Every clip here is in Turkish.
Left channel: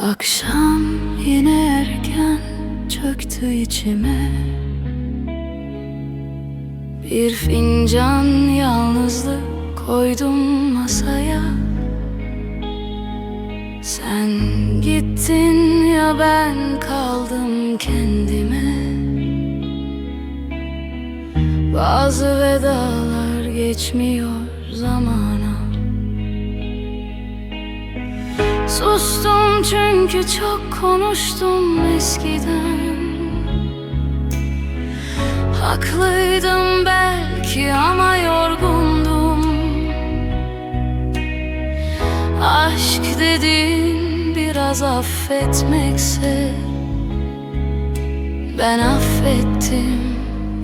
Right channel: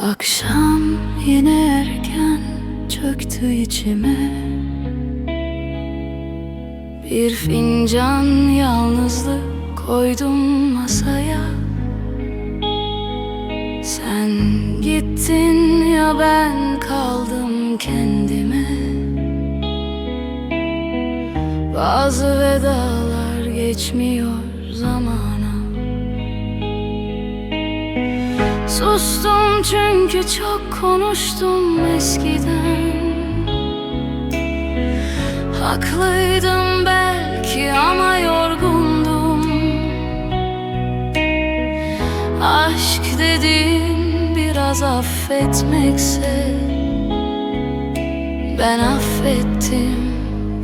Akşam yine erken çöktü içime. Bir fincan yalnızlık koydum masaya. Sen gittin ya ben kaldım kendime. Bazı vedalar geçmiyor zamana Sustum çünkü çok konuştum eskiden. Haklıydım belki ama yorgundum. Aşk dediğin biraz affetmekse Ben affettim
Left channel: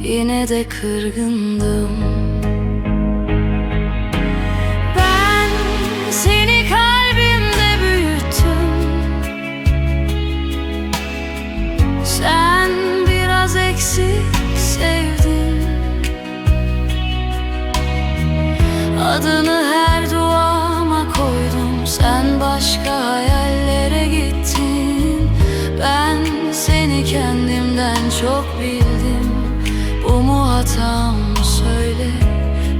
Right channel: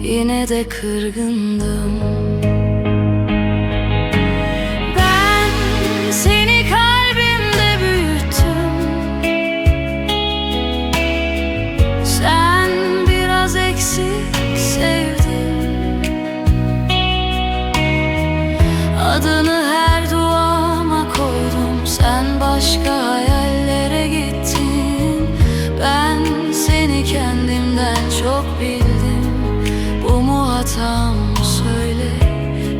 yine de kırgındım eksik sevdin Adını her duama koydum. Sen başka hayallere gittin. Ben seni kendimden çok bildim. Bu mu hatam? Söyle.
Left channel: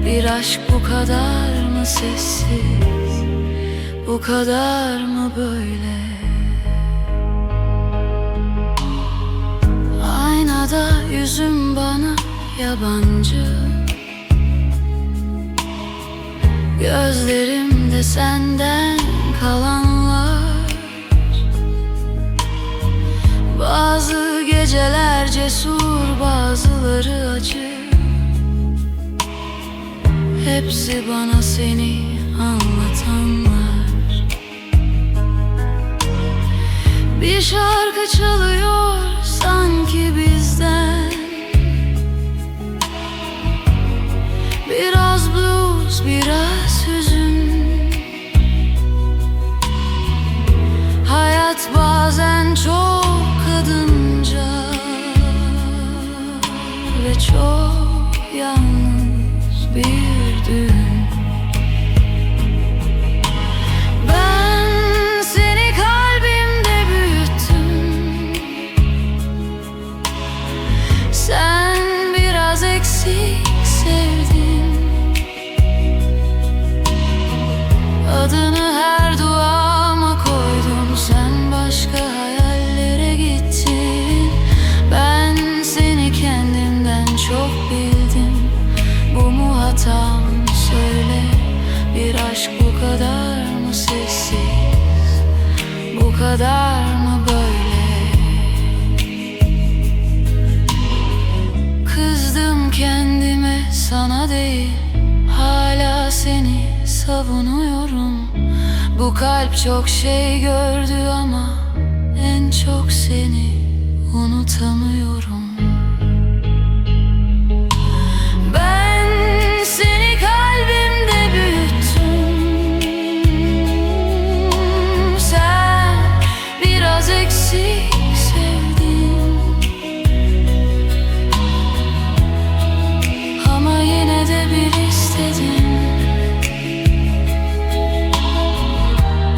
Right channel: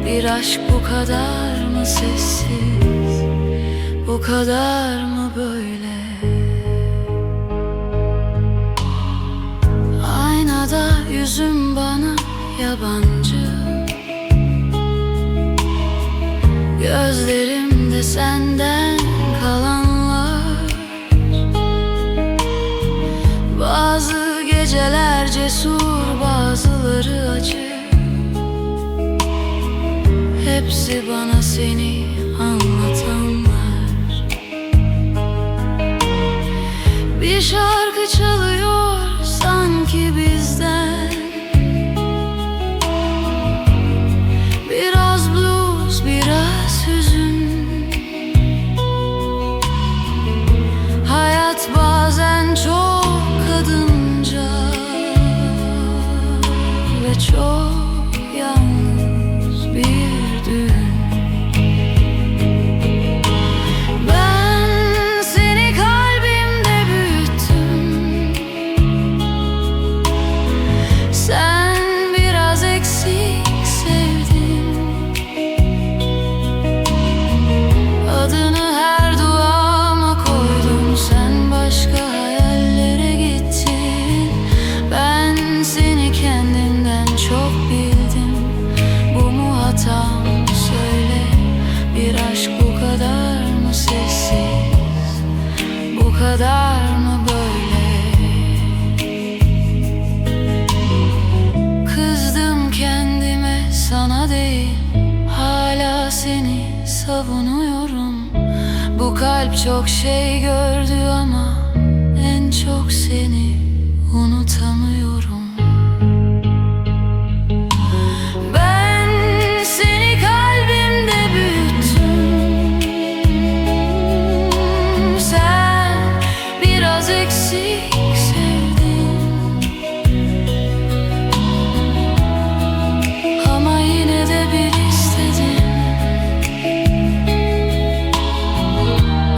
Bir aşk bu kadar mı sessiz? Bu kadar mı böyle Aynada yüzüm bana yabancı. Gözlerimde senden kalanlar. Bazı geceler cesur bazıları acı. Hepsi bana seni anlatanlar Bir şarkı çalıyor sanki bizden. Biraz blues, biraz hüzün. Hayat bazen çok kadınca Ve çok yalnız bir eksik sevdin Adını her duama koydum. Sen başka hayallere gittin. Ben seni kendimden çok bildim. Bu mu hatam? Söyle. Bir aşk bu kadar mı sessiz? Bu kadar mı böyle kendime sana değil Hala seni savunuyorum. Bu kalp çok şey gördü ama En çok seni unutamıyorum. Ben seni kalbimde büyüttüm. Sen biraz eksik sevdin yine de bir istedim.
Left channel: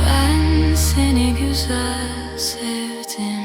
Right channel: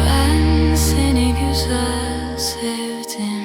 Ben seni güzel sevdim